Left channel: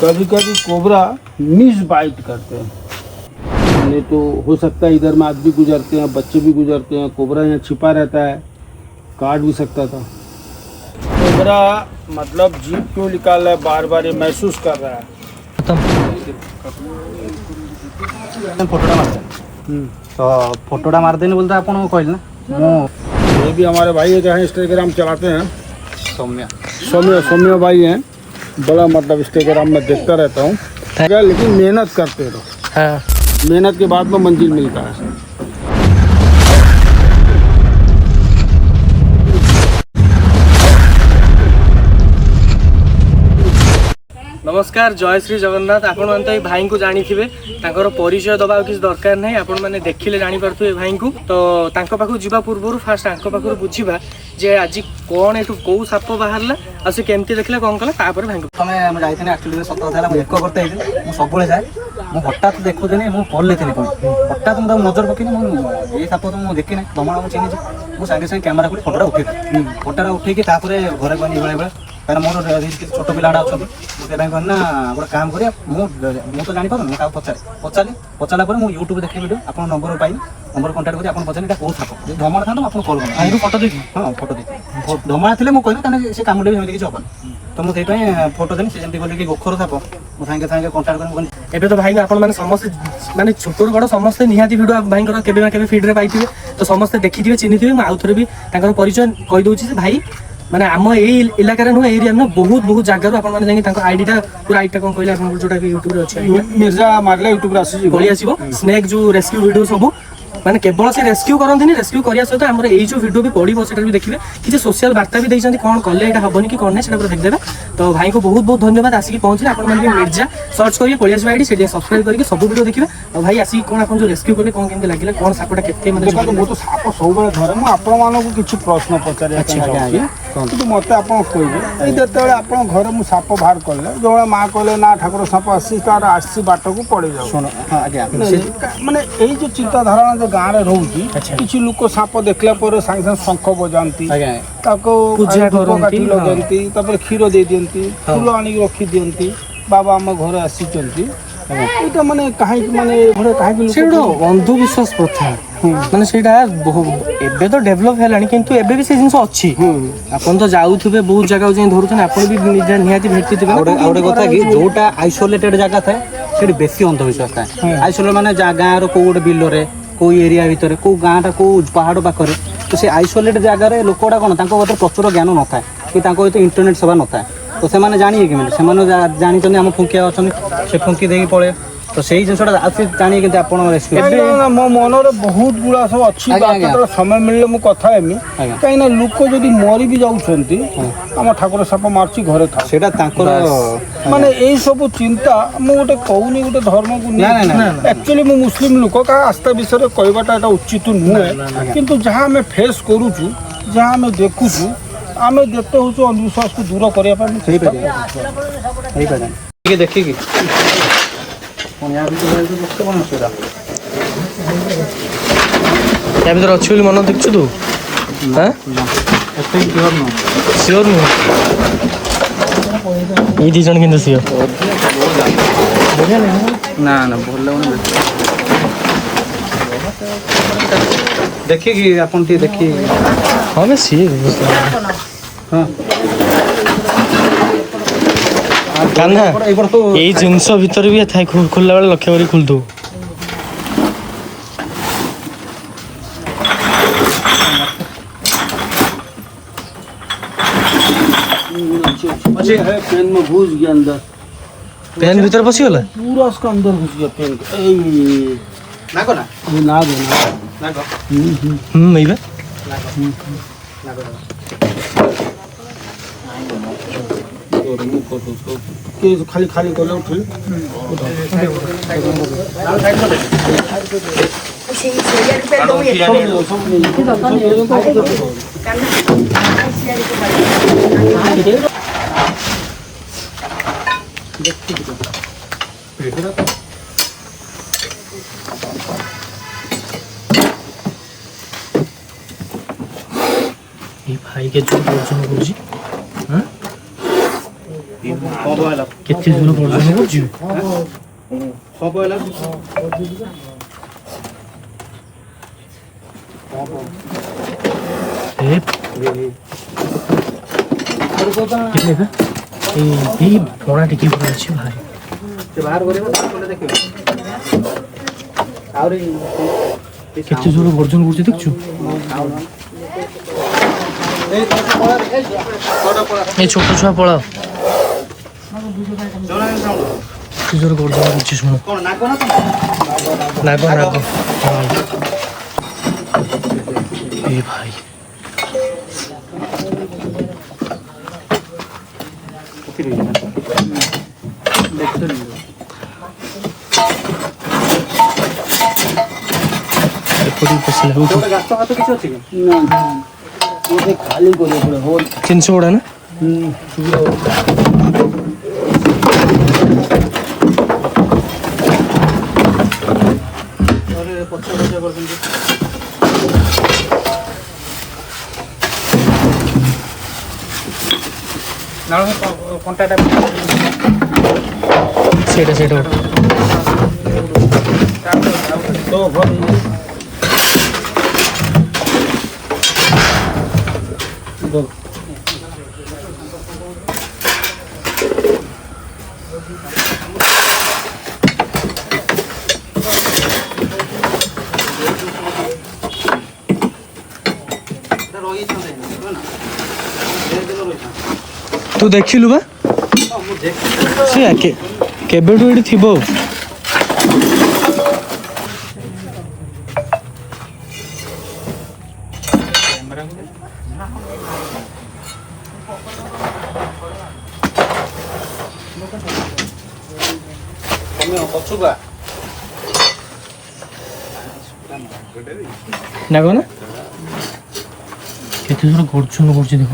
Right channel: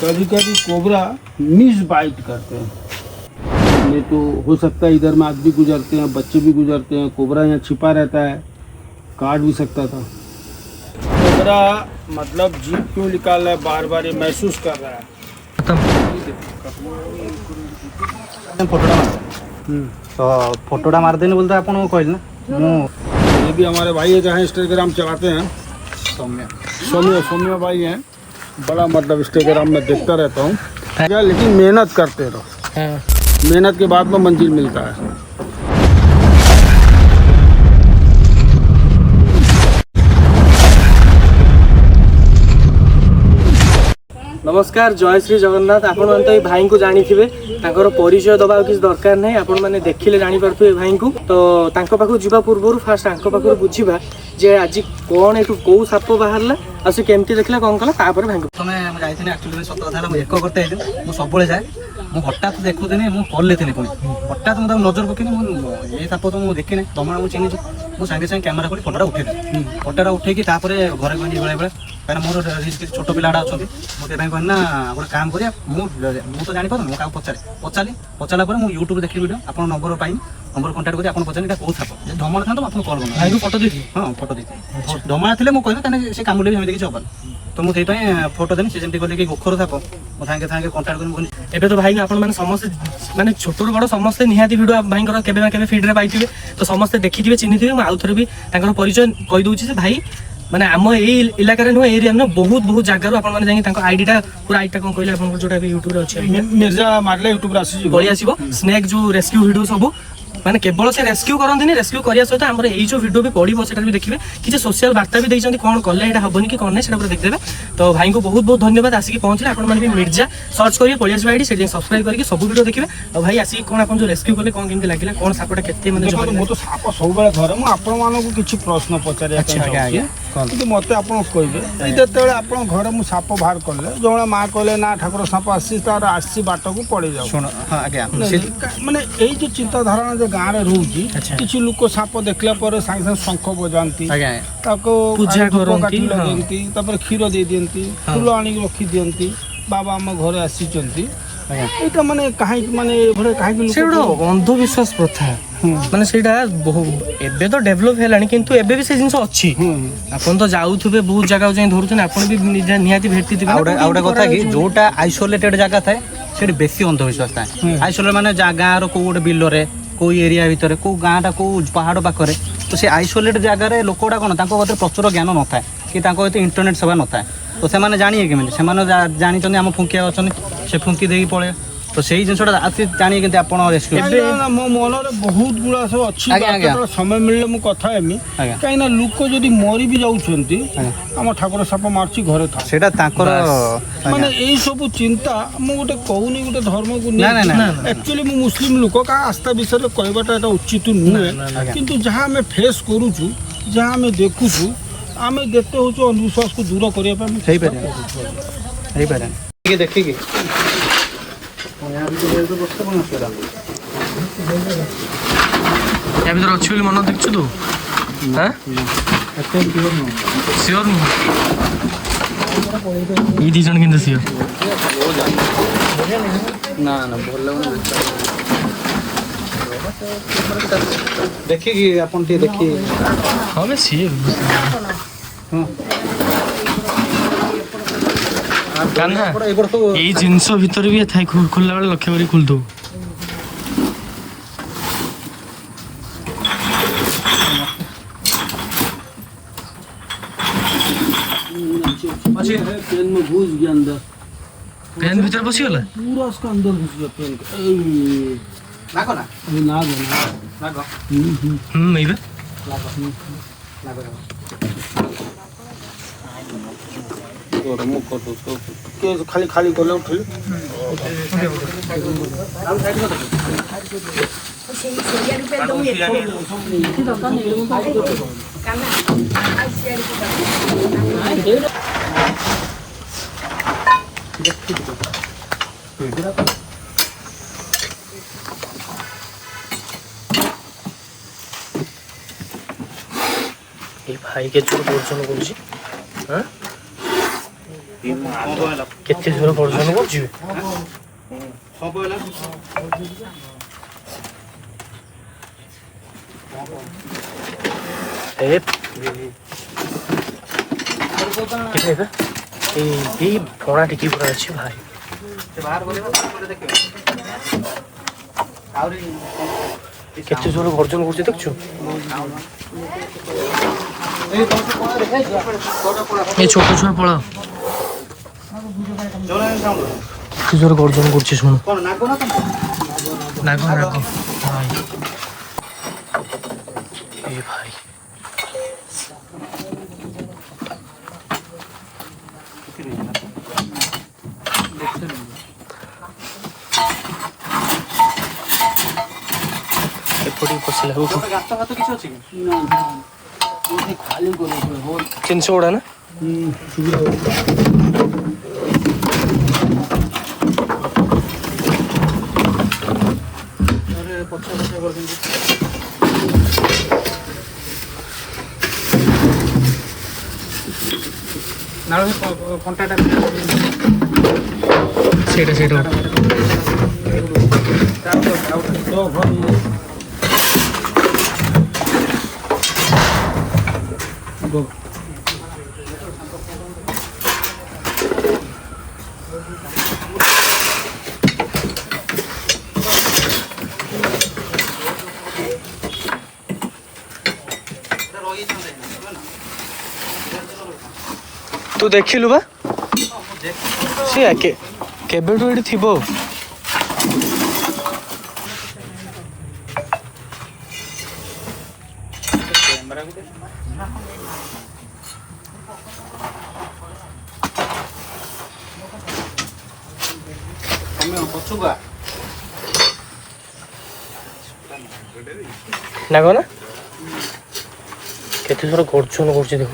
कभी कभी cobra miss bite करते हैं, नहीं तो हो सकता है इधर में आदमी गुजरते हैं, बच्चे भी गुजरते हैं, कोबरा यहाँ छिपा रहता है, काट भी सकता था। कोबरा मतलब जीभ क्यों निकाल रहा है, बार बार ये महसूस कर रहा है। फोटोटा मारते तो फोटोटा मार देने बोलते आपन कहल ना ये भी हमारे भाई है, जहाँ इंस्टाग्राम चलाते हैं, सौम्य भाई हैं, बड़ा मतलब इंस्टाग्राम में देखता रहता हूँ। लेकिन मेहनत करते रहो, मेहनत के बाद में मंजिल मिलता है। नमस्कार, जय श्री जगन्नाथ। आपण मैंने तो ये भाई को जानी थे, परिचय दबा किसी दरकार नहीं, आपण मैंने देखिले जानी पारे भाई को। तो पाखु जीवा पूर्व फास्ट पाखु बुझा जे आज कौन एठू कौ साप बाहर आ से केमती देखला कौन कला तापर भाई को समय जाइथिनी एक्चुअली सत कथा एक करते मु सबुले जाए मु हठात देखुनी मु कॉल लेथिनी पुणी हठात मु नजर पकेनी मु ये साप तो मु देखी नहीं दमण मु चिन्ह मु संगे संगे कैमेरा कर फोटोटा उठे फोटोटा उठेकी तापर घरे गनी बेले बेले कहीं मोर छोट पिलाटा अच्छा मुझे कहना गोटे काम करिया मु तो जानी पारे पचारि पचारा पर मुझे यूट्यूब देखी वीडियो आप नंबर पाई नंबर कंटाक्ट कर पचारे कौ साप धमणा था आप कल कर फोटो देखी हाँ फोटो देखी धमणा थे मुझे कहली से कामुड़े भी किसी हेनी तो मुझे फोटो देनी से जमी कि गोखर साप मो सागे सागे कंटाक्ट कर एबे तो भाई आपण मैंने समस्त माने छोटू बड़ समस्त निहाती वीडियो भाई केबे ना केबे फीड रे पाइथिबे तो समस्त देखिथिबे चिन्हिथिबे। मु आउ थरे भी तांकर परिचय कहि दउछि जे भाई माने आम एई इलाका रे नु एरिया में बहुत बहुत जगह आपण माने जाई तांकर आईडी टा पूरा आईडी टा कोन कहले आपण जोटा कि यूट्यूब रे अछि मिर्जा मारला यूट्यूब रे आसी गली आसीबो स्नेक जो रेस्क्यू वीडियो सब माने केवल से रेस्क्यू करंदिनी रेस्क्यू करिया सहित हमर एई जो वीडियो भी पड़िबो सेटा भी देखिबे कि सोशल वार्ता भी दैछंती कोन कले एटा हबनी कि कोन नै सेटा पूरा देख देबे। तो भाई को बहुत बहुत धन्यवाद आसी पहुंचले आपण माने मिर्जा सर्च करिए कोलियास आईडी सेठी सब्सक्राइब करके सब वीडियो देखिबे। और भाई आसी कोन आपण जो रेस्क्यू करले कोन केमते लागिला कोन सापटा केते माने मो तो साप सब बेले धरे मु आपण मानको किछि प्रश्न पचारिया चाहूछि କିନ୍ତୁ ମୋତେ ଆପଣ କହିବେ ଏଇ ଯେତେବେଳେ ଆପଣ ଘରେ ମୁଁ ସାପ ବାହାର କଲେ ଯେଉଁଭଳିଆ ମାଆ କହିଲେ ନା ଠାକୁର ସାପ ଆସିଛି ତାର ଆସିଛି ବାଟକୁ ପଳେଇ ଯାଉ ମାନେ ଏଇ ଯେଉଁ ଚିନ୍ତାଧାରଣା ଯେ ଗାଁରେ ରହୁଛି କିଛି ଲୋକ ସାପ ଦେଖିଲା ପରେ ସାଙ୍ଗେ ସାଙ୍ଗେ ଶଙ୍ଖ ବଜାନ୍ତି ତାକୁ କାଠି ଲଗାନ୍ତି ତାପରେ କ୍ଷୀର ଦେଇ ଦିଅନ୍ତି ଫୁଲ ଆଣିକି ରଖିଦିଅନ୍ତି ବାବା ଆମ ଘରେ ଆସିଛନ୍ତି। এইটা মানে কাহিকি মানে ঘরে কাহিকি লোক অন্ধবিশ্বাস প্রথা মানে সেটা এবে তো ডেভেলপ হেলানি কিন্তু এবে भी से जिंस अछि आपन तो जाउथबे बहुत जगह जाई धरुथन आपन भी निहाती भेटिथिबे। आउडे कथा कि जोटा आइसोलेटेड जगह थाए सेठी बेसी अंधविश्वास थाए आइसोलेट माने गाँ रो को गोटे बिल रे को एरिया भितर को गाँटा को पहाड़ पाखरे तो से आइसोलेटेड जगह रे लोकटा कोन तांको भीतर प्रचुर ज्ञान न थाए कि तांको भीतर इंटरनेट सेवा न थाए तो से माने जानिए कि माने जानी चंदी हम फुंकिया अछन से फुंकी देई पळे तो सेही जिनसटा आसी जानिए कि आपण रेस्क्यू मो मन रे बहुत गुड़ा सब अछि बात समय मिलले मु कथा हेमी काई ना लोक जदी मरि भी जाउछंती हम ठाकुर साप मारची घरे था सेटा तांकर माने एई सब चिंता मु गोटे कहूनी गोटे धर्म को नहीं एक्चुअली मु मुस्लिम लोक का आस्था विषय रे कहबाटा एटा उचित नुहे किंतु जहां हमें फेस करूछु जहां हमें देखुछु आमे देखते हो अंधविश्वास को दूर करिया पे सही पे ये देखिए या भीतर अच्छी बोली मन देखु तू हाँ सियोर नु ये दी जन किंतु सियोर ना ना देखिए कि अपन ती देखिए हाँ मैं सी हाँ कान्हा ये जिनस भीतर भी था खोलला बेले लक्ष्य करी खोल दो पेन में घुस गया अंदर पेन भीतर पसी गला पूरा उसका अंदर घुस गया पेन नागो ना ये नाग है नागो मेबे और मुंह को तो के खाली खाली कर लो फिर ये भाई के जो बोल हां କେତେ ଜୋର ଗର୍ଜନ କରୁଛି ସବୁ ହେଲା ଫଣା ଟିକେ ପୁରା ଅଛି ଭାଇ ବାହାର କରିବା ଦେଖିବା ଆହୁରି କେତେ ଜୋର ଗର୍ଜନ କରୁଛି ଦେଖୁଛୁ ଏ ଛୋଟ ଛୁଆ ପଳାଅ କେତେ ଜୋର ଗର୍ଜନ କରୁଛି ଶୁଣ ନାଗ ନାଗ ଏ ଭାଇ ଗାତ ଫାତ କିଛି ଅଛି କି ଖାଲି କରିବାକୁ ପଡେ ହୋଲ ଜିନିଷ ଗୁଡ଼ା ନା ପଛ କରୁଛନ୍ତି କଣ୍ଟାଟା ସେଇଟା ସେଇଟା ତୁ ଦେଖିଲୁ ବା ସେ କେବେଠୁ ଏଠି ଥିବ ପଛୁଆ ନା କଣ କେତେ ଥର ଗର୍ଜନ କରୁଛି ଦେଖ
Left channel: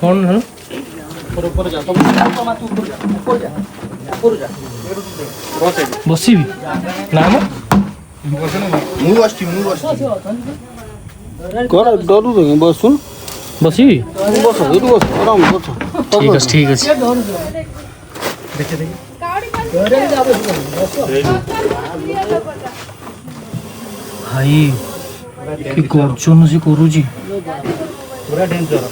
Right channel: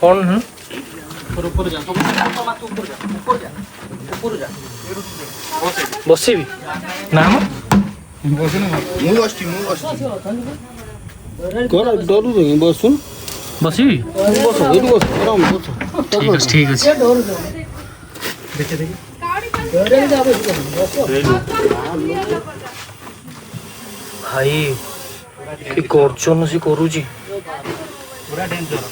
କଣ ହେଲା ବସିବି ନା ମ ଡରୁ ବସୁନ ବସିବି ବସ ଏଇଠି ବସ ଆରାମ ବସ ଠିକ ଅଛି ଭାଇ କି ଗର୍ଜନ ସେ କରୁଛି ପୁରା ଡେଞ୍ଜର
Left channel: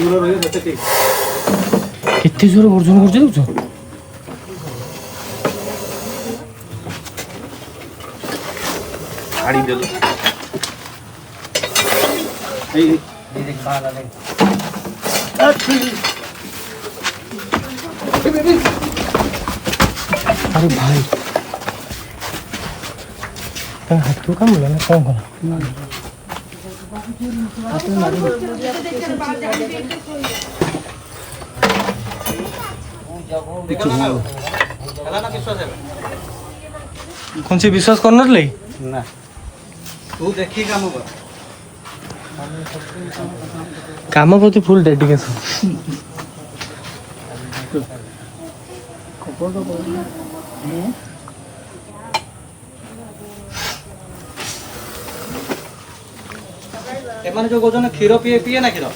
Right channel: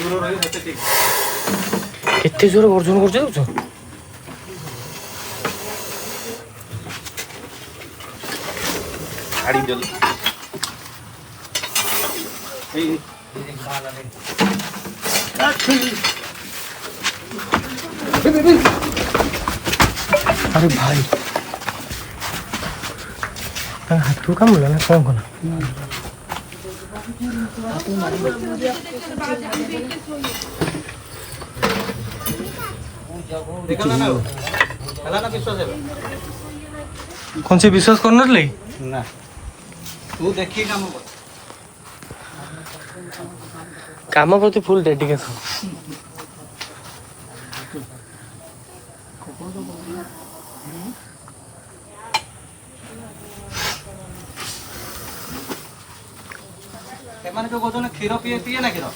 ଦୂର ରହିବ ସେତେ ଠିକ କେତେ ଜୋର ଗର୍ଜନ କରୁଛି ଦେଖୁଛ अरे भाई हाथ काम ना कौन कला कौन से विश्वास करना ले ना तू देखी काम प्रति फुल डेडिकेशन एमाने जो गोजन क्षीर पिए पिए ना क्षीर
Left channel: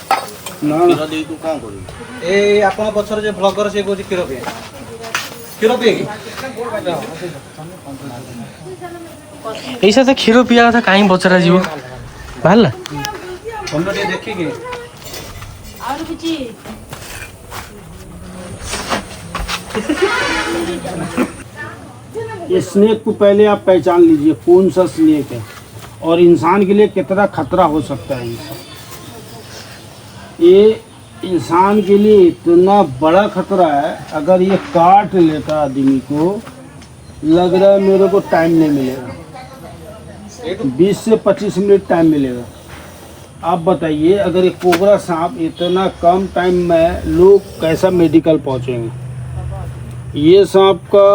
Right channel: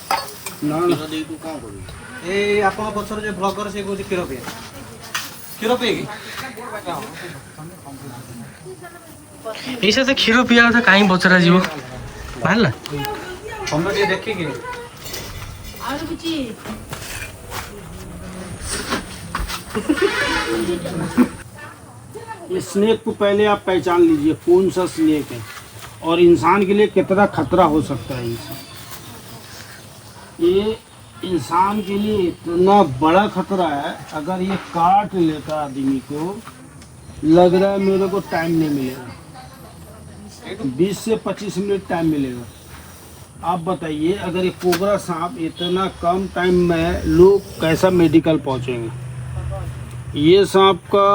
ना ना दे तू काम कर ए आपण पछर जे ब्लॉगर से गोजी क्षीर पिए कि ऐसा तो क्षीर पिया था कहीं बचरा जीव बाहर हम ये देखी कि ये स्नेक को पहले आप पहचान लीजिए कौन सा स्नेक है और इंसान के लिए कितना खतरा हो सकता है इंसान। ये इंसान के लिए इतना बड़ा खतरा है, अगर ये काट लेता आदमी को लग रहा है मेरे को टाइम नहीं मिलेगा, 20 से 25 मिनट टाइम मिलेगा। आप बताइए अगर ये कोबरा सांप इतना कम टाइम में लोग कैसा मेडिकल पहुंचेंगे। ये सांप का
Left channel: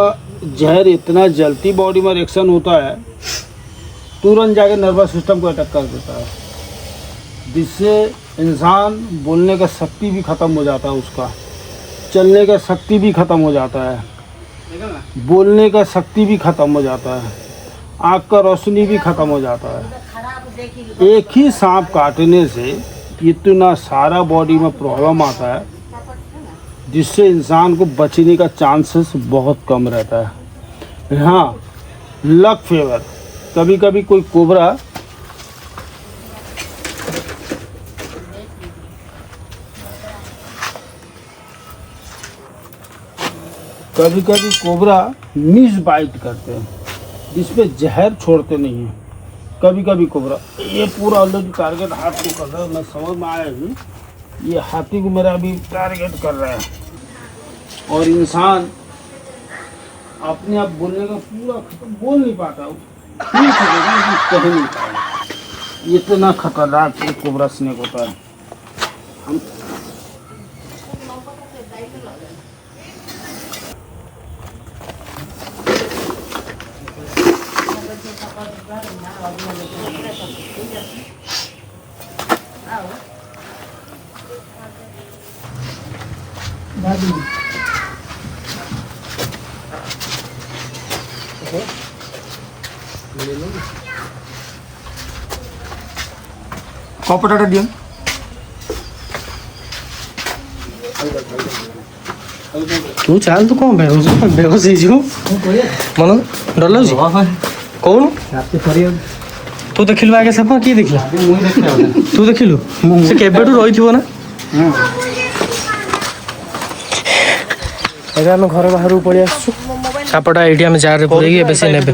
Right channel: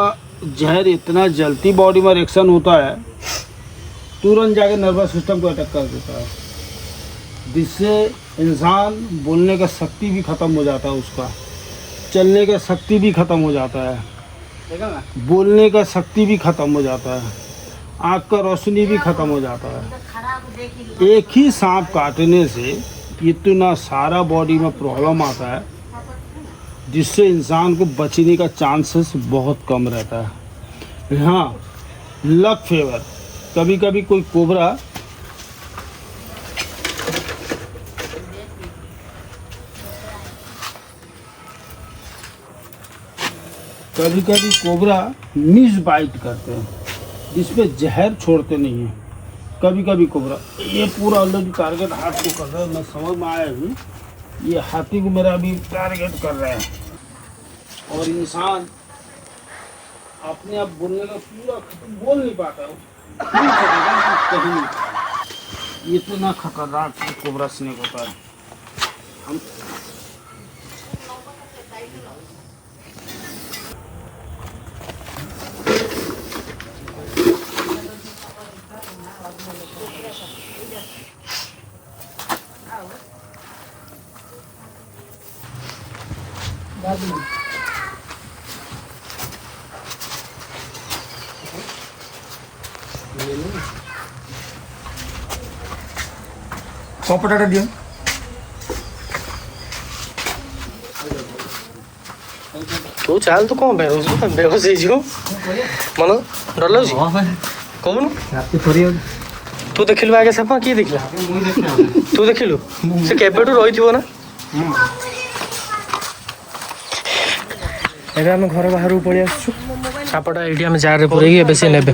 जहर इतना जल्दी बॉडी में रिएक्शन होता है, तुरंत जाके नर्वस सिस्टम को अटैक कर देता है। जिससे इंसान बोलने का शक्ति भी ख़त्म हो जाता है, उसका चलने का शक्ति भी ख़त्म हो जाता है, बोलने का शक्ति भी ख़त्म हो जाता है, आँख का रोशनी भी ख़त्म हो जाता है। एक ही सांप काटने से इतना सारा बॉडी में प्रॉब्लम आता है, जिससे इंसान को बचने का चांसेस बहुत कम रहता है। हाँ, लक फेवर, कभी कभी कोई कोबरा मिस बाइट करते हैं, जिसमें जहर छोड़ते नहीं हैं। कभी कभी कोबरा, ये पूरा ऑलरेडी टारगेट हाथ को कर रहा है, मैं समझ में आया ही, ये हाथी को मेरा अभी टारगेट कर रहा है। और इंसान अपने आप बोलने का पूरा बोल नहीं पाता, कह नहीं पाता। ये इतना खतरनाक कोबरा स्नेक होता है। हम କପଟାଟା ଦିଅ। ତୁ ଚାଲ, ତୁ କ'ଣ ବେହୋସ ହେଇଯିବୁ ମନ ଡର ଲାଗୁଛି କହୁନୁ। ତୁ ଦେଖିଲୁ ଆଗେ ସାପ, କିଏ ଦେଖିଲା? ତୁ ଦେଖିଲୁ? ସେ କେବେଠୁ ରହିଥିବ ନା। ଏବେ ଆମେ ଘର ବାହାରକୁ ପଳେଇ ଆସୁଛୁ। ସାପଟା ଏଇଠି ଆମେ ଜାରରେ ପୁରେଇକି ଏବେ ସେ ନେବେ।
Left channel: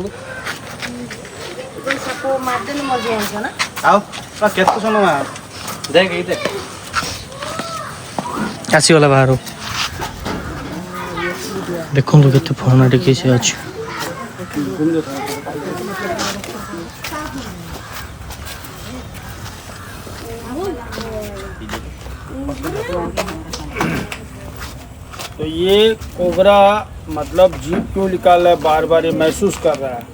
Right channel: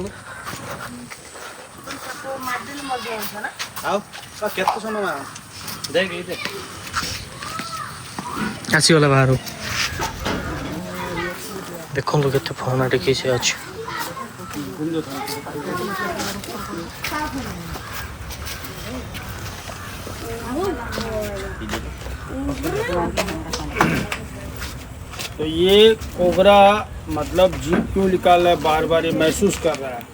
ଆସିଗଲା ବାହାରୁ। ଦେଖନ୍ତୁ କେତେ ଫୋନ ଟିକେ ସେ ଅଛି। तो ये कोबरा मतलब जीभ क्यों निकाल रहा है, बार बार ये महसूस कर रहा है।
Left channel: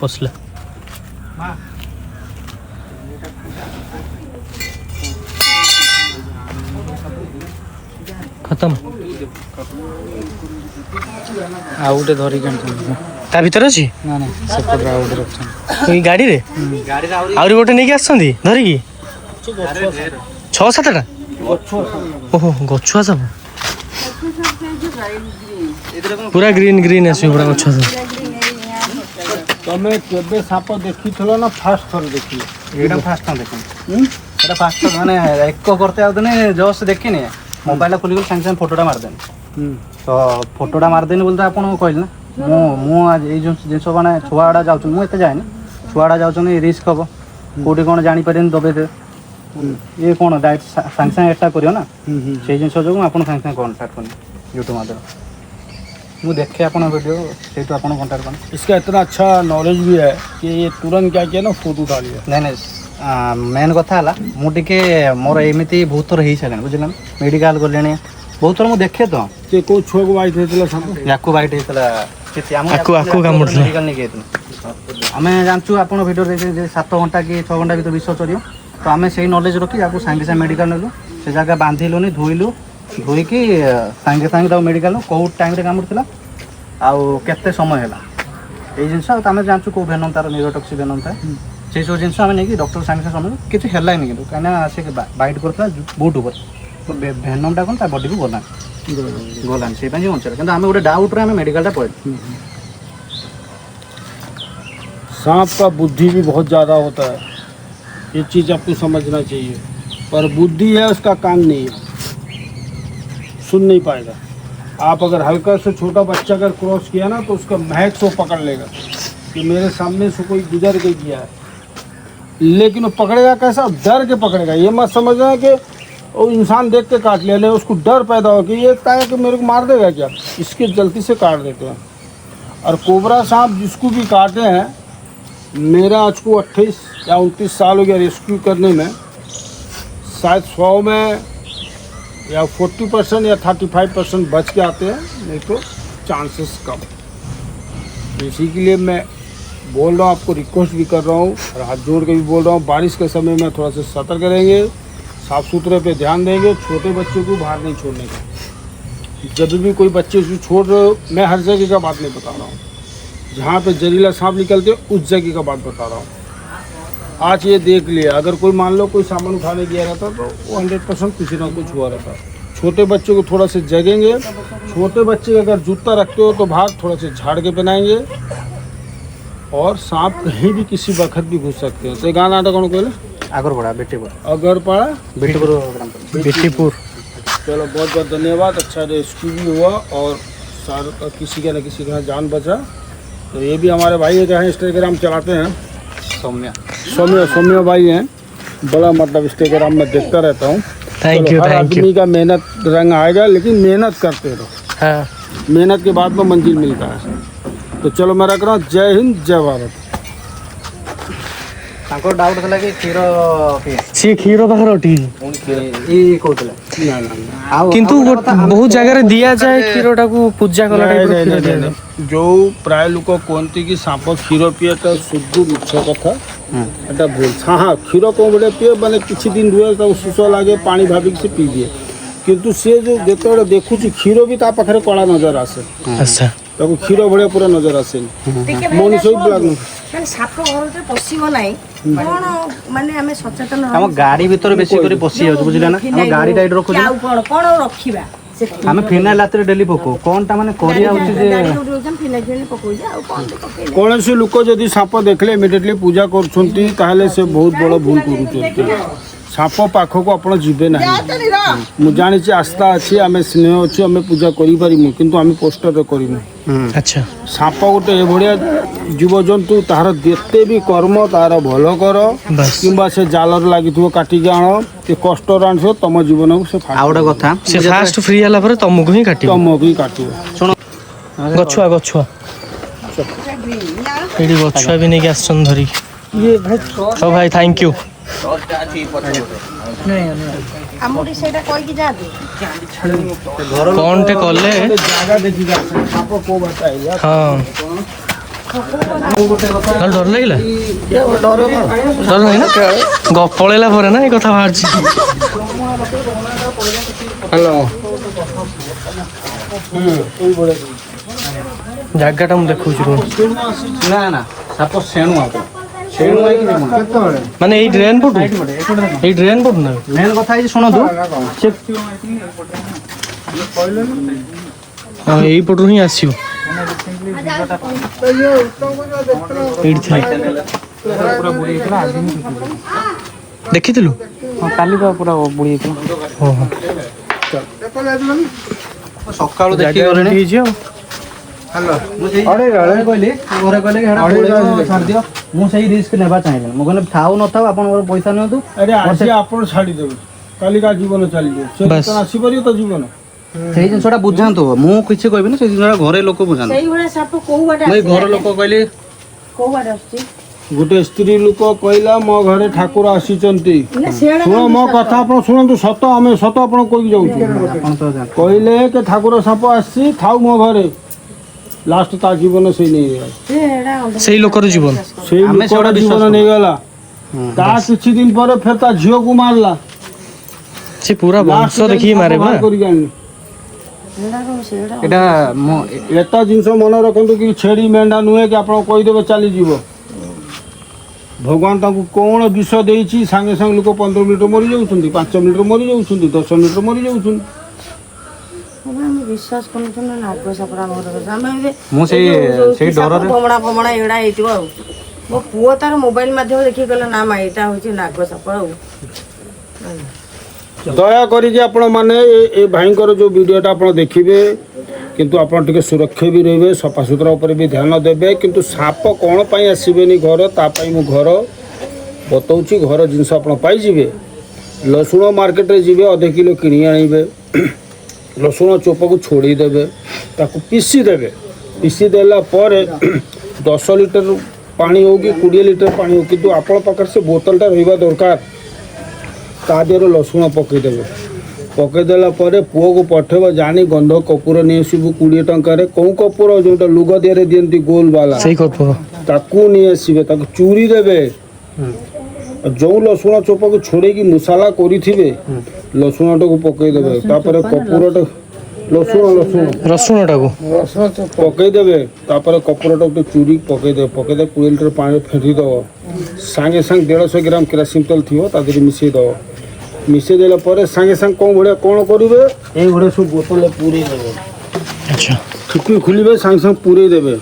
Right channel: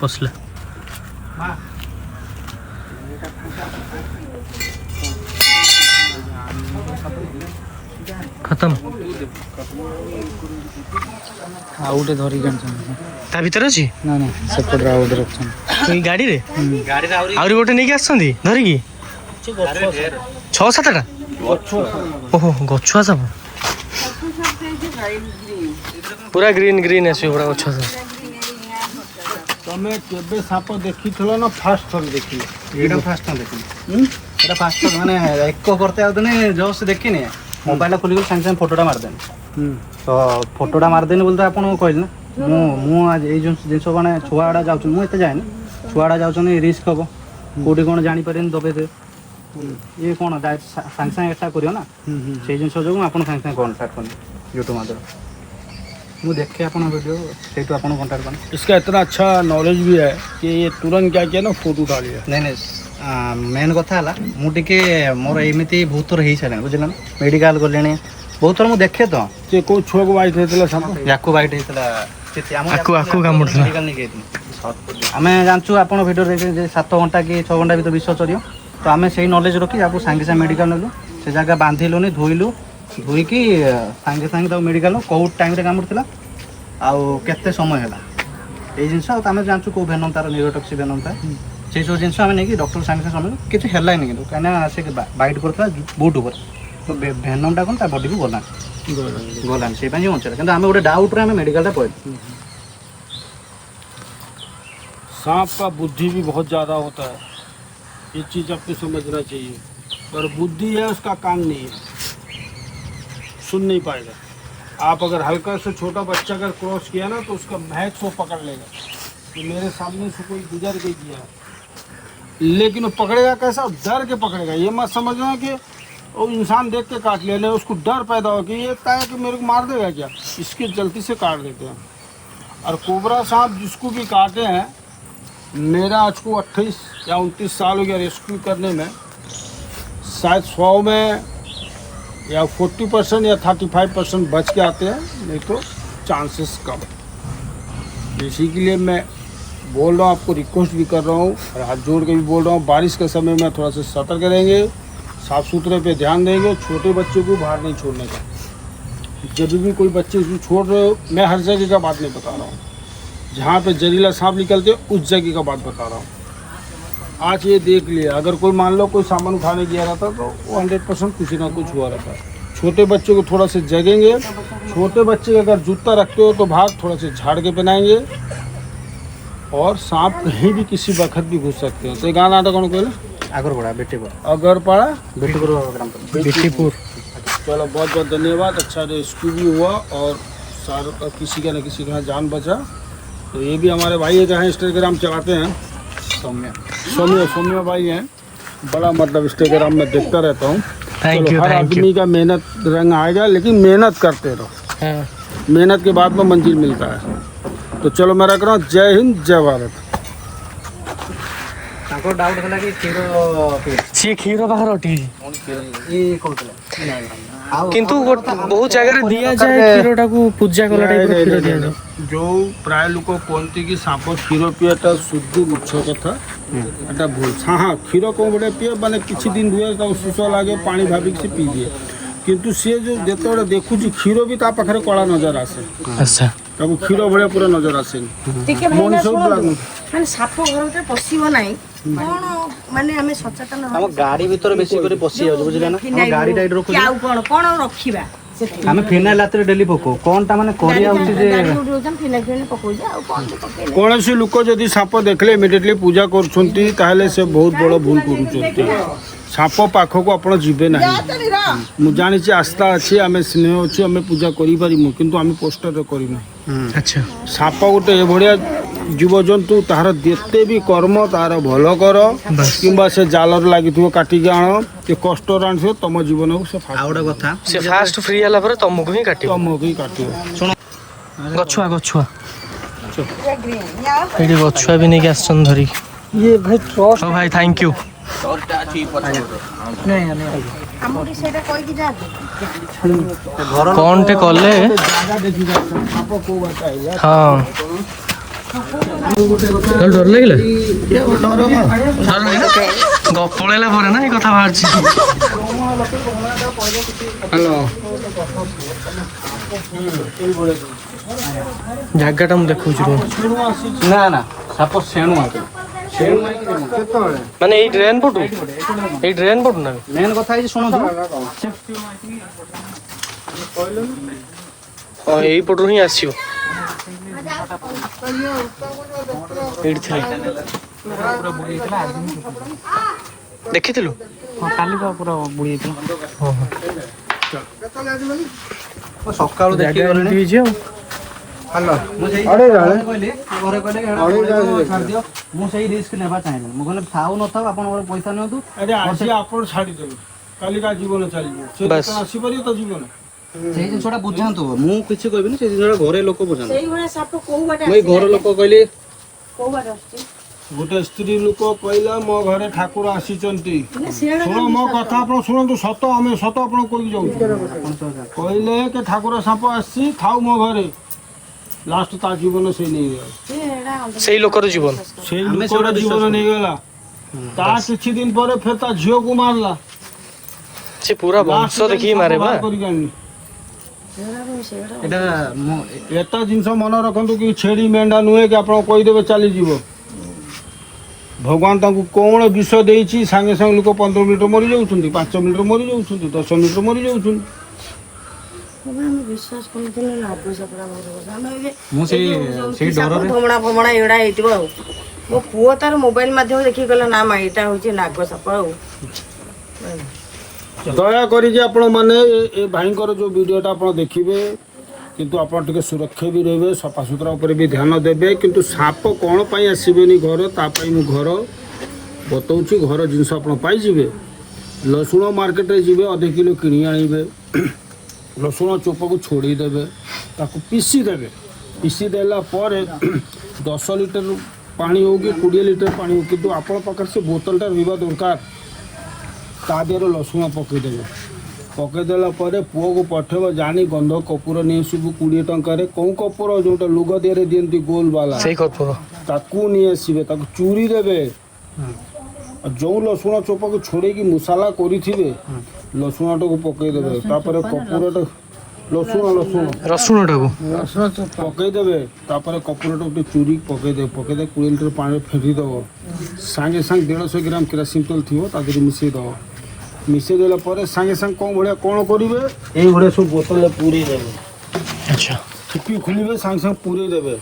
पसला खत्म। ଆଉ ଗୋଟେ ଧରିକି ତା ଭିତରେ ଅଛି ସେପଟରେ ଆଉ ଗୋଟେ ରଖିଛନ୍ତି ଏଇ ଗାଡ଼ିରେ। ଆହୁରି ଗୋଟେ ନେଇକି ଆସିଛନ୍ତି ଧରିକି 6-7ଟା। ଓହୋ, ଗଛୁଆ ସାପ ପୁରା ଗ୍ରୀନ୍ ଗ୍ରୀନ୍ ଆସିବ, ପୁରା ଗଛୁଆ ସାପ। ତମେ କେବେ ସାପ ଦେଖିଥିଲ ନା ଫାଷ୍ଟ ଥର ଦେଖିଲ? ଏଇଟା ଫାଷ୍ଟ ଟାଇମ୍ ଦେଖିନି। ଏଇଟା ଫାଷ୍ଟ ଟାଇମ୍, ମାନେ ଏକ করতে ଆଉଦିନେ ଜଷ୍ଟ ଦେଖିନି, ମୋବାଇଲଟା ଖୋଲିକି ସାଙ୍ଗେ ସାଙ୍ଗେ ଫଟୋଟା ମାରିଦେନି। ତ ଫଟୋଟା ମାରିଦେନି ବୋଲି ତ ଆପଣଙ୍କୁ କହିଲି ନା। ମୁଁ ଆଜି ଏଇ ଜିନିଷ ମାନେ ଛୁଆଗୁଡ଼ା ଯାଉଛନ୍ତି, ମୁଁ ଏତେ ଯାଏନି, ଛୁଆଗୁଡ଼ା ଯାଉଛନ୍ତି ରିସ୍କ ହେବ, କେଉଁଠି କ'ଣ ଜାଣିପାରିବେନି ଦବେଇଦେବେ। ଇଏ କ'ଣ ଡାଇରେକ୍ଟ ସାଙ୍ଗେ ସାଙ୍ଗେ ଏଟା କରିବ ନା, ସେଇ ଜିନିଷ ଯୋଗୁଁ ଆପଣ ସାଙ୍ଗେ ସାଙ୍ଗେ କଣ୍ଟାକ୍ଟ କଲି ୟୁଟ୍ୟୁବ ମାଧ୍ୟମରେ। ମୁଁ ଦେଖେ ଆପଣଙ୍କ ଭିଡ଼ିଓ, ସେଇଠୁ ଆପଣ କଣ୍ଟାକ୍ଟ କଲି। इसका इतना अच्छा नॉलेज भी है कि ये तुरंत क्या किया ना, फोटो उठा लिया। ନାଇଁ ନାଇଁ, ମେନ୍ କଥା ହେଲା ମୁଁ ଟିକେ ମୋର ଏମିତି ବହୁତ ଥର ହେଇସାରିଲାଣି, ବୁଝିଲେ ନା। ମେଡ଼ିକାଲ ଗଲେଣି ବହୁତ ଥର, ମୁଁ ଦେଖେ ତ। ସେ କୋଉ ଛୁଆକୁ ବାଇଟ୍ ହେଇଥିଲା ସାପ? ୟାକୁ ବାଇଟ୍ ହେଇଥିଲା, ଆକୁ କାମୁଡ଼ିଥିଲା। ମେଡ଼ିକାଲ ନେଇକି ଯାଇଥିଲୁ। ଆମେ ଜାଣିଛୁ ଆପଣ ଭିଡ଼ିଓ ଦେଖି ଯେ 7 ଘଣ୍ଟା କି 6 ଘଣ୍ଟା ଭିତରେ ବିଷ ଚରିବ। ତ ଆମେ ସେଇ ନଲେଜ ରଖି ତାକୁ ସାଙ୍ଗେ ସାଙ୍ଗେ ମେଡ଼ିକାଲ ନେଲୁ, ସେ ଜାଗା ବାନ୍ଧିଲୁନି, ଧୋଇକି ସାଙ୍ଗେ ସାଙ୍ଗେ ତାକୁ ମେଡ଼ିକାଲ ନେଲୁ। କେଉଁ ଟାଇମ୍ରେ କାମୁଡ଼ିଥିଲା ଆଉ କେତେ ସମୟ ହେଲା, ଏଇ ଜିନିଷ। ଆଉ ଆମେ ଜାଣିଛୁ କେଉଁ ଭେନମ୍ ତାର ନ୍ୟୁରୋଟକ୍ସିକ୍ ଭେନମ୍ ଥାଏ, ସେଇ ସବୁ ଜିନିଷ ଆମେ ନେଇକି ଡକ୍ଟର ସାଙ୍ଗେ ସାଙ୍ଗେ ସମୟ କିଛି ହେଲାନି, କିନ୍ତୁ କାହିଁକିନା ସେ ବାଇଟ୍ କରୁଥିଲା ବୁଟ୍ ଉପରେ, ତ ଭେନମ୍ଟା କ'ଣ ତା ବଡ଼ିକୁ ଗଲାନି, ସେଇପାଇଁ ସେ ବଞ୍ଚିଲା। କିନ୍ତୁ ଆମେ ଗୋଟେ ଡାଉଟ୍ରେ ଆମେ ମେଡ଼ିକାଲଟା ପଳେଇଲୁ। सांप का बुद्धि भी बहुत ज़्यादा होता है, ये चीज़ आपको समझना चाहिए। पर बुद्धि है, उसका कान नहीं है, सुन नहीं पाएगा। आप अगर हल्का से छोटा बच्चा अगर क्रॉस किया ना, तो उसका महक से वो पकड़ लेगा कि मेरे सामने से कोई गुजर के गया है, लेकिन वो पकड़ेगा कैसा? डर के पकड़ेगा। ये मत समझना कि वो इंसान देख के काट लिया, नहीं, उसको डर पैदा हो कि ये ताया कि मेरे को मार देगा क्या, इसकी जल्दी से काट देते हैं। और कोबरा सांप जिसको भी काटे हैं, मेरा आज को 28 या 29 साल हो गया रेस्क्यू करने में। शायद 100 में या 40% या 35% बच के आते हैं, नहीं तो चांसेस कम। इसी के लिए मैं बोल रहा हूँ, आपको रिक्वेस्ट भी कर रहा हूँ और हाथ जोड़ के भी बोल रहा हूँ, बारिश के समय में थोड़ा सा सतर्क रहेंगे, साफ़ सुथरे पे ध्यान देंगे, छोटे बच्चे को बाहर नहीं छोड़ने का। जब भी कोई बच्चे उसको छोड़ रहे हो, मैं हर जगह का बात नहीं बता रहा हूँ, जहाँ पे जहरीला सांप निकलते उस जगह का बात बता रहा हूँ। आज ये देख लिया, अगर कोई मान लो कोई सामान उठाने गया रहता तो वो 100% कुछ ना कुछ हुआ रहता। छोटे बच्चे को थोड़ा से जगेंगे, छोटे बच्चे अगर जूता रखते हो तो भाग थोड़ा से झाड़ के पहनाएंगे, और सांप कहीं भी किसी वक्त भी घुस सकते हैं। तो गाना नाटक कौन कहले आगरपड़ा बेटीपुर अगरपाड़ा बेटीपुर ग्राम पंचायत। बेटीपुर। चलो बहुत बहुत धन्यवाद, अच्छा रेस्क्यू भी हुआ और सारा किसी का न किसी का जान बचा। तो ये भी हमारे भाई का है, इंस्टाग्राम चलाते हैं, सौम्य भाई हैं, बड़ा मतलब इंस्टाग्राम में देखता रहता हूँ। Thank you her thank you. आदमी का मेहनत रंग आएगा, लेकिन मेहनत करते रहो, हाँ मेहनत के बाद में मंजिल मिलता है। तो चलो मैं रख रहा हूँ, जय हिंद जय भारत। ତାଙ୍କର ଡାଉଟ୍ ଥିଲା କି କ୍ଷୀର ପିଏ सी क्षीर बाहर उठी ଏଇ କହୁଥିଲା ଆଉ किंतु बहुत जगह दिया जाए क्षीरटा को पूजा कला टाइप रो क्षीर दिया जाए। जो प्राय लोक कहते कि सांप क्षीर पीए शुद्ध मिछ कथा, एटा भूल। हाँ क्षीर कौन बड़े पीए मैंने किसी दिन रुए तब सुस लगे पानी भाविक से पी दिए, किंतु सी जो जिते देखुच क्षीर भी ता पाखे कला नजर आसे। अच्छा ताको क्षीर भाया पूरा नजर आसे मनुष्य ब्लैक ମାନେ ସାପ ଘରଟା ପଶିବ ନାହିଁ କଣ, ମାନେ ଆମେ ସଚେତନ ଆମ ଗାଡି ଭିତରେ ବେଶୀ କରି ପଶି ଯାଉଛି ବୁଝିଲା ନା ଆମ ଗାଡି ଟାଇଟ୍ ରଖୁଛୁ ଆଉ କଣ କଣ ରଖିବା ଆମେ ଫିନାଇଲ ରାତିରେ ଡେଲି ପକଉ କଣଟା ମାନେ କରିବା ଉଚିତ ଯେ कौन सी लोक जदि साप देखले इमिडिएटली पूजा करुँच ताहले से बहुत बड़ भूल करुँच। साप पाखक आप जीवे ना, मुझे जानी आस्था अच्छी आम स्नेह अच्छी आम पूजा करूँ, किंतु आम पोस्टर करूँ। अच्छा साप गोटे भाया जीवजंतु तार जिते भी कर्म तार भल कर कि से जालर लगी काटिक आण कि कष्ट आन तुम जीवन को से ଆଉ ଗୋଟେ କଥା से फास्ट फ्री होला पर तुमको ही काटियो, तुमको ही काटो। गछुआ गछुआ एडी गछुआ भी नहीं के आसन धरी। ये भाई ओ भाई थैंक यू। कौन टे कले जगह देखी साप को बताइए। हाँ डर लगिला पलैला पर ना ये कथा बाहर जगह मुझे देखा ନା ନା ସାପ ସେଣୁ ଆଗ ସେଣୁ ଆଇକି माने ये ड्रेन पटू ये ड्रेन पटू ना ମେନ୍ କଥା ହେଇଛି ଶୁଣନ୍ତୁ ସେ हाँ यही पटू ही आसियो देखी କାଲି ତ ପୁରା ବୁଡ଼ି ଯାଇଥିଲା ସକାଳୁ जगह रेडी हो जाओ। ମୁଁ ସେଇ ଘରେ କହିଲି ଘରେ କହିଲେ କି ହେଟା ପଳେଇବ ଛାଡ଼ିଦିଅ, ମୁଁ ସେଇ ରିସ୍କ ନେବା ଚାହିଁବିନି। ମୁଁ କହିଲି ଥାଉ ନଥାଉ ଆପଣଙ୍କର ପଇସା ନିଅନ୍ତୁ। अरे आज आप छाड़देवे काली का जीवन चलिए से बस। आसपर तो जीवन ସେଇ ଜିନିଷଟା ବୁଝାନ୍ତୁ, ମୁଁ କିଛି କହିବିନି, ସେଇ ଜିନିଷଟା ଘରେ ଲୋକ ବୁଝାନ୍ତୁ। ସେଇଭଳିଆ ସାପ କୋଉ ବାଟେ ମୁଁ ଏଇ ଘର ଲୋକ କହିଲି କୋଉ ବାଟେ ଆସୁଛି गोटे स्त्री लोक कहला मो घरे ठाकुर आसीचंती। ନା ସେଆଡେ शुण मो कथा आप शुणु सत आम सत आप कही जाऊँ ଆପଣ ତ ଜାଣିଛନ୍ତି। कहले कि ठाकुर साप आसी थाऊ मो घरे लास्ट ता जीवन से नहीं गला ସେଆଡେ से लोकर जीवन से लोकर जीवन नहीं गला ता किछि दिन पर फिर ता झियो को मारला से पूरा वंश देखिए मारे बा ଏଇଟା ମୁଁ एता जिनस मन रखु कि छेड़ी मेंढा नुहे कि आप कहीदेवे चलीज भगवान ताकू कौन विष देती सांगे सांगे लोक 15 मिनिट मरी जाऊँ 5 मिनिट मरी जाऊँ 10 मिनिट मरी जाऊँ। ବିଶ୍ୱାସ କରୁନଥିଲୁ ନା ପଇସାପରା ଆମର ଆମେ ଏବେ ମୁଁ ସେଇ ଡରରେ ଭମଣା ଫମଣା ଏଗୁଡ଼ା ହେଇଥିବ ଆଉ ମୋ ପୁଅ ତାର ମୋବାଇଲ ମାଧ୍ୟମରେ ଦେଖିକି କହିଲା ନା ମା ଏଇଟା ହେଉଛି ନାଗ ସାପ ଆଉ दया करिके आपण माने ए भाईंकर जो वीडियोटा आपण देखिबे, किंतु आपण टिके सुरक्षा भी रहिबे, सफा सुतरा ऊपर भी ध्यान देबे। किंतु साप कोन पई आसीबेनी घर ता पई मु घर बतौची घर जिंस आपण पाई जिवे। लसुण मार्केट रे जिवे आधे किलो किनी आनिबे, लसुण चोप को छोड़ी देबे, ताको पीसी देबे, पीसी देला पर 10 लीटर पानी हो कि 20 लीटर पानी हो कि आपण पाखे से बोतलटा रहा दरकार ता देहर लसुण पकईदेवे पकईदेला पुओ को पठेब जानी गंध कपूर नहीं आसबू 20 टकर कौ कपूर जो लुग देहरे दिखती गोल वाला ताकू नहीं आसबे चूरी देवे जो लसुण चोपा को छोड़े मसाला करेंगे लसुण टाक पकईदेवे कपूर रसुणटा को पकईदेवे कपूर टाक चूरी पकईदे 20 लीटर पानी फेंकी दब सागे सांगे 150 ग्राम केरासिन तेल थी मिसई दब मिसई देला सागे सांगे कौन भाया कौन करेंगे ये सब बोतल पूरे देवे अच्छा ठिकी खोलिए सांगे सांगे पूरे देवे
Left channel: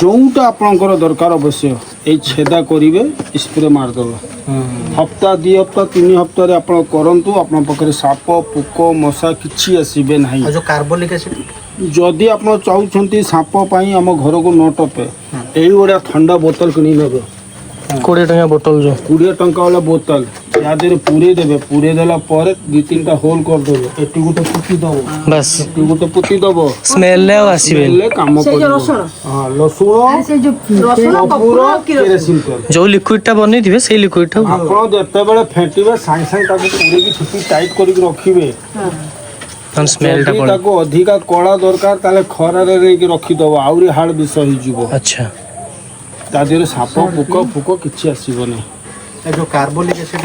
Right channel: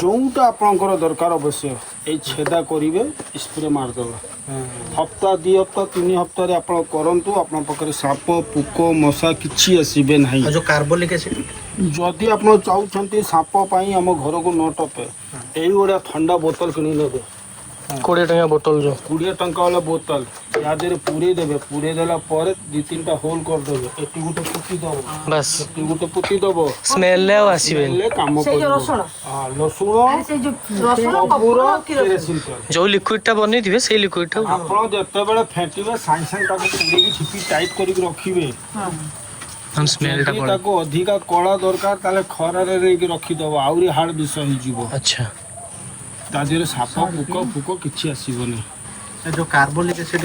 जोटा आपंकर दरकार अवश्य ये छेदा करेंगे स्प्रे मारदेवे हप्ता 2 हप्ता 3 हप्तार आप करूँ आप पाखे साप पोक मशा कि आसबे ना जो कार्बोलिक एसिड जदि आप चाहते सापाई आम घर को न टपे यही भाया ठंडा बोतल किणी ने 20 टंका बोतल जो 20 टंका वाला बोतल या पूरे देवे पूरे देला 2-3टा होल करदेवे एटी गोटे पुती दब बस एटी गोटे पुती दब स्मेल आसबे काम कर लसुण केरासिन तेल जो लिक्विडटा बनै से लिक्विडटा आप जिते फेंटे सांगे सांगे पूरे छुट्टी टाइट कर रखिए स्मेलटा पड़े अधिका कड़ा दरकार ताले खरारे नहीं रखीदब आहरी हार्ड विष हो अच्छा ता देहरे साप पोक फुक कि आसबनी जो कार्बोलिक एसिड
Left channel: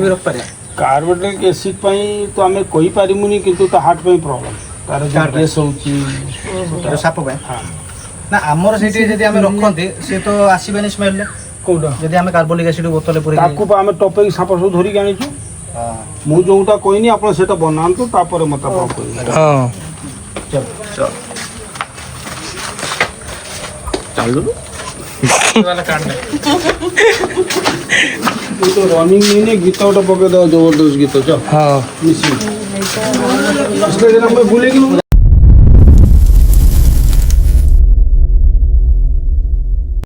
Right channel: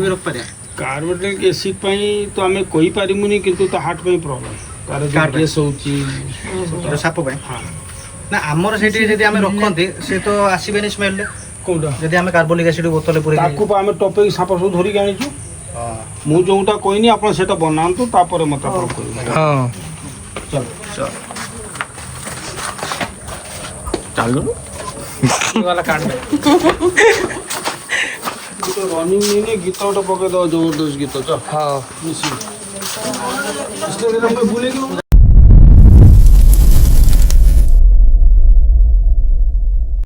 भी रख पारे कार्बोनिक एसिड तो आम कही पारिमुनी किंतु ता हार्ट पे प्रॉब्लम तार गैस होची साप ना आमर से हम रखते से तो आसबे स्मेल कोटा जदि आम कार्बोलिक एसिड बोतल पूरे ताकू आम टपे साप सब धरिक आनीचु मु जोटा कहनी आप सेटा बनातु तापर मत हाँ चल तो रनिंग नहीं गीत गोटे पकईद जबरदस्त गीत चल हाँ मिसी भूले